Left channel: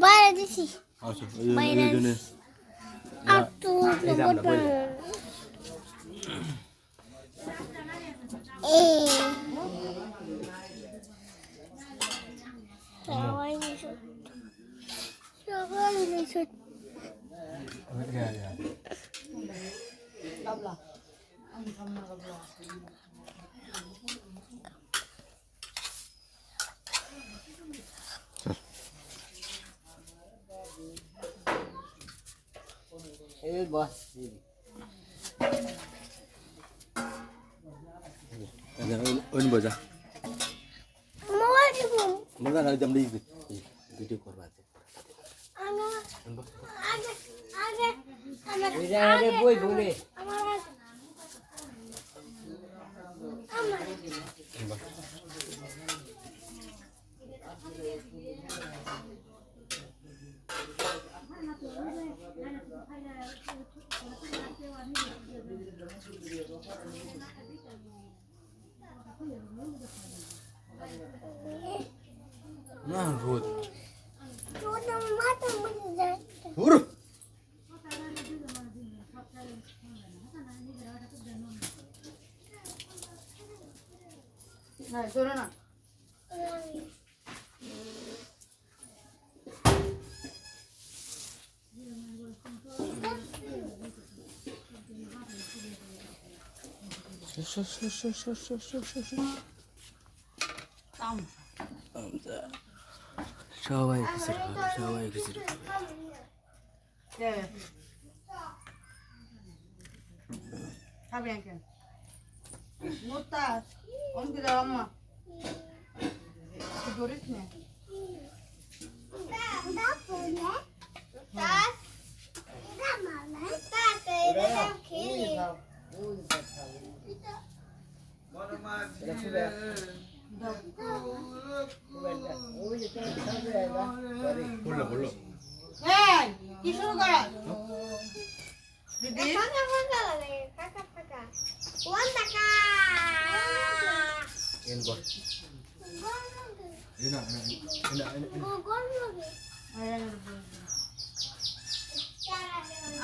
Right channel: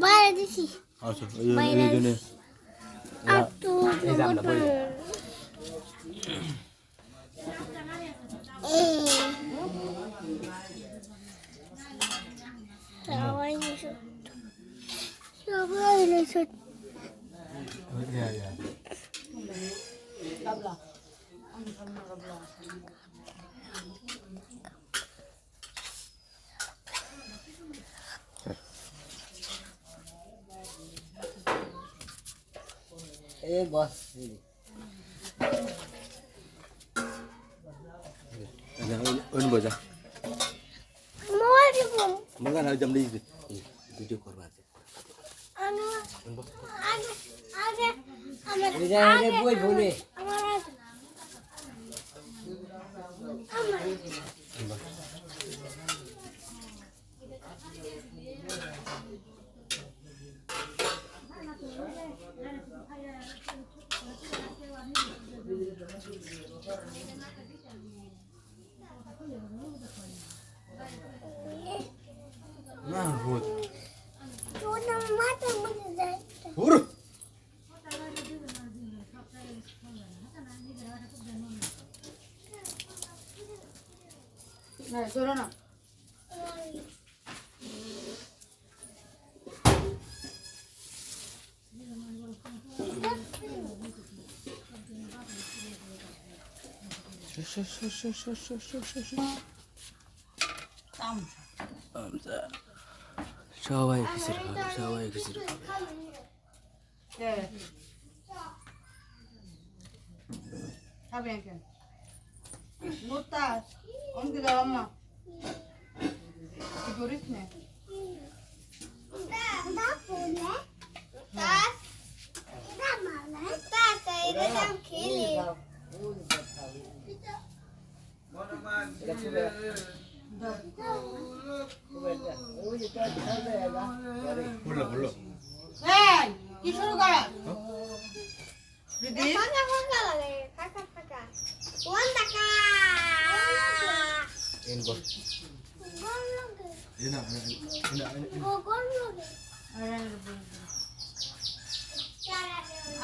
বাইরে দিছি আচ্ছা এই জন্য এই দামটা বলে সবাই নিশুত এই বস ওন বজা মোবাইল দিব মগা না জমলি ভিডিও করবা আছে আগে আগে এই জায়গায় বই বলে না রোদ তোর নাম মাথা মনে যায় পুরো না চলো না সবাই খুশির হবে সবাই খুশির হবে খাবি না কেন মোতাজ অনেক দাও আম্মা ধরিস না বললো বললো এই কি শুরু করা দিদি এন বল এনা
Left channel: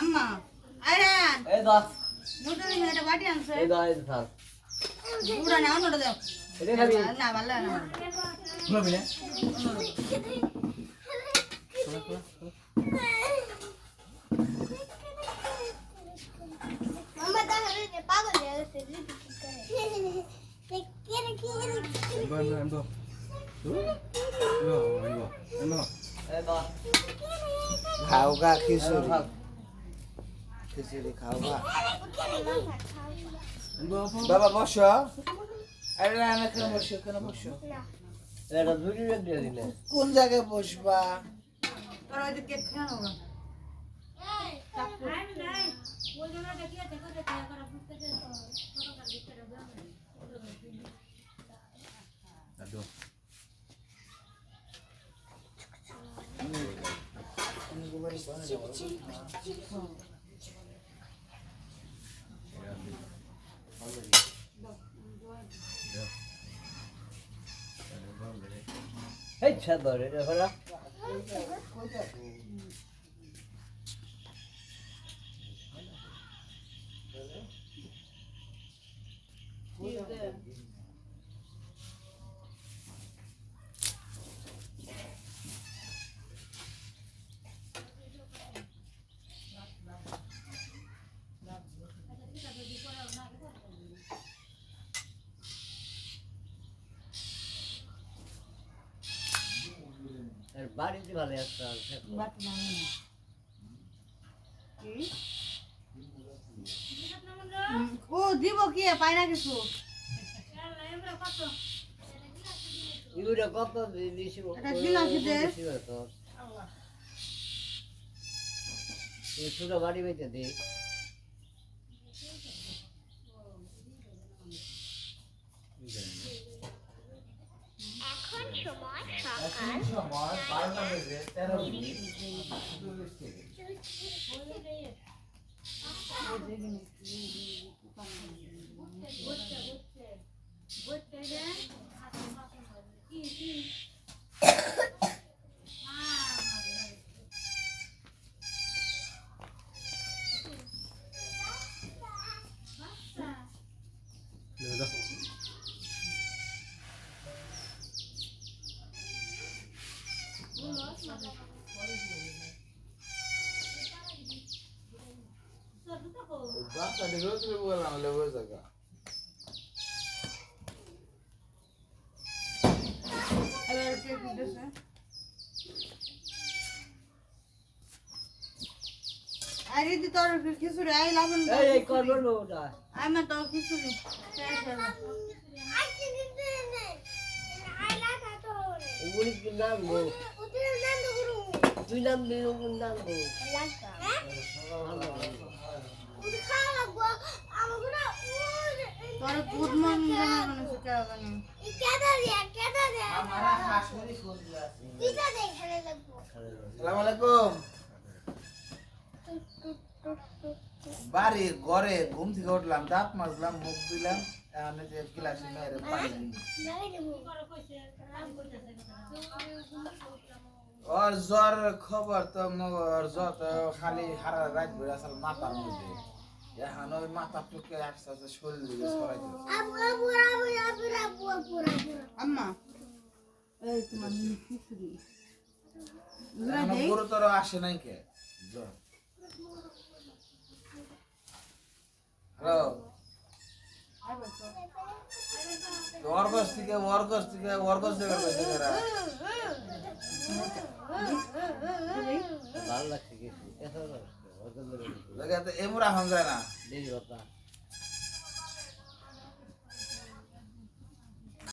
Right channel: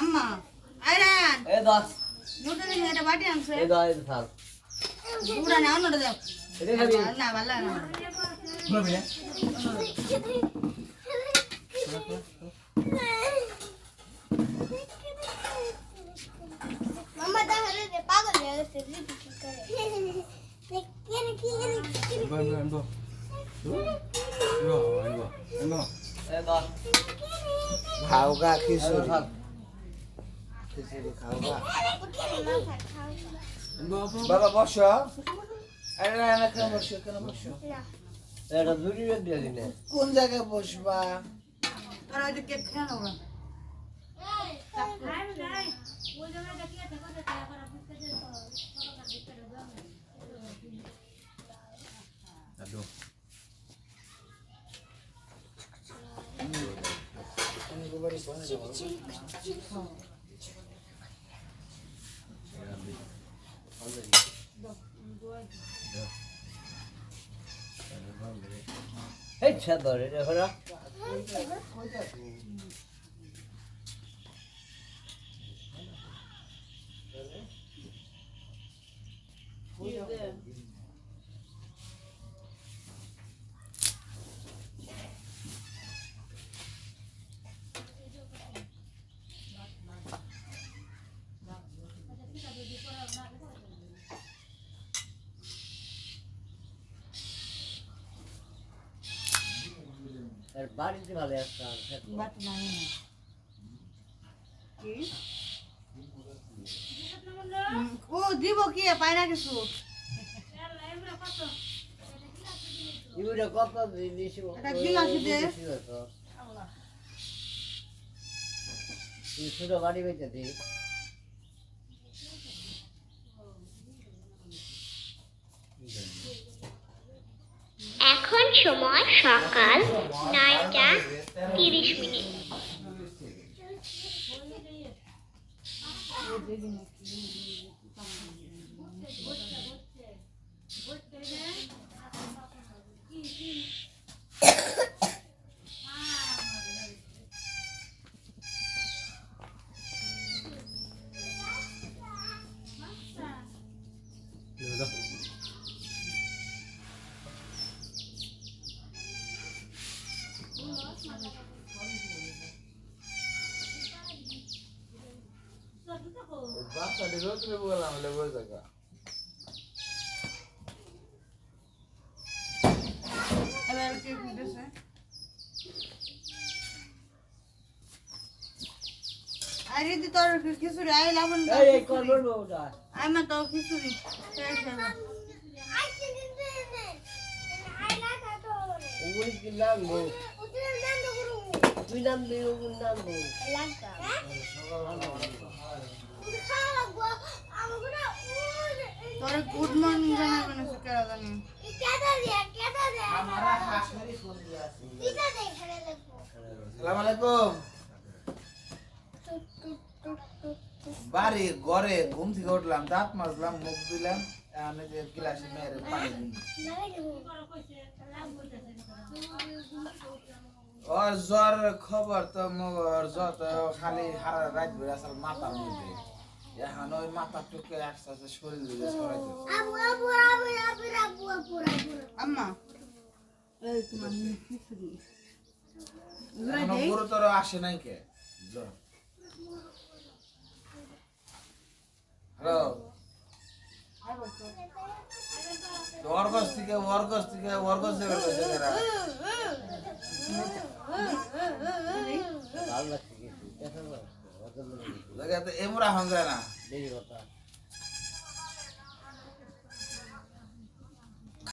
আম্মা আয়রান এই বস নুডল এটা বাটি আনছে এই দাও এই থাক পুরা না অন্যটা দাও এটা খাবি না ভালো না শুনবি না মামা তাহলে পাগল হয়ে গেছে লিপস্টিক করে এনবো এই বস খাওগা খিচুড়ি খিচুড়ি খাওগা বাবা বসো আরে না কেন বসো এটা দুটি ব্যাগ দিয়ে দিলে কোন জায়গায় বসবা তোরা ওই কেক খেয়ে নাও দাদু এই ছাবরে হলো আর বাড়িতে ভালো আসতাম বাটি নাই না কি ও দিব কি পাই না কিছু ইউরা কত দিছি এটা গিলাসি দে। তুই ছোট গাড়ি বেঁচে দে এখন সময় সকাল 9:30। বাচ্চা দিলেও তুমি বললাম লেবুর জায়গা এবার কে দিতেছে আরে দি তোর খিচুড়ি আই লাবণ এই কর বলবো ওটা আই মা তো খিচুড়ি শেষ হলো উনি কি নাম লো তুই নাম দে ওর নাম দে তোর গুড মর্নিং জানাবেন কেন জানি हमारा हाशमेरी फोन दिया अस्सलाम वालेकुम বাড়ি ঘরে ঘুম থেকে উঠলাম দাঁত মাজলাম মুখ দিলাম আমি যে গ্লাসে মেরে পানি ওর জ্বর খবর তো মোর যত খালি সারা রাত ঘুরে আসল মাথার মধ্যে এখন ওই মাথা টুকে আস্তে আস্তে শরীর দিকে সরাইতে আম্মা এই তোমার খিচুড়ি এখনো গুরুতর আসে নাই কে জ্বর হ্যালো ওয়ার্কস থেকে বের করছে কারা লাগে তো এমরা হন যায় না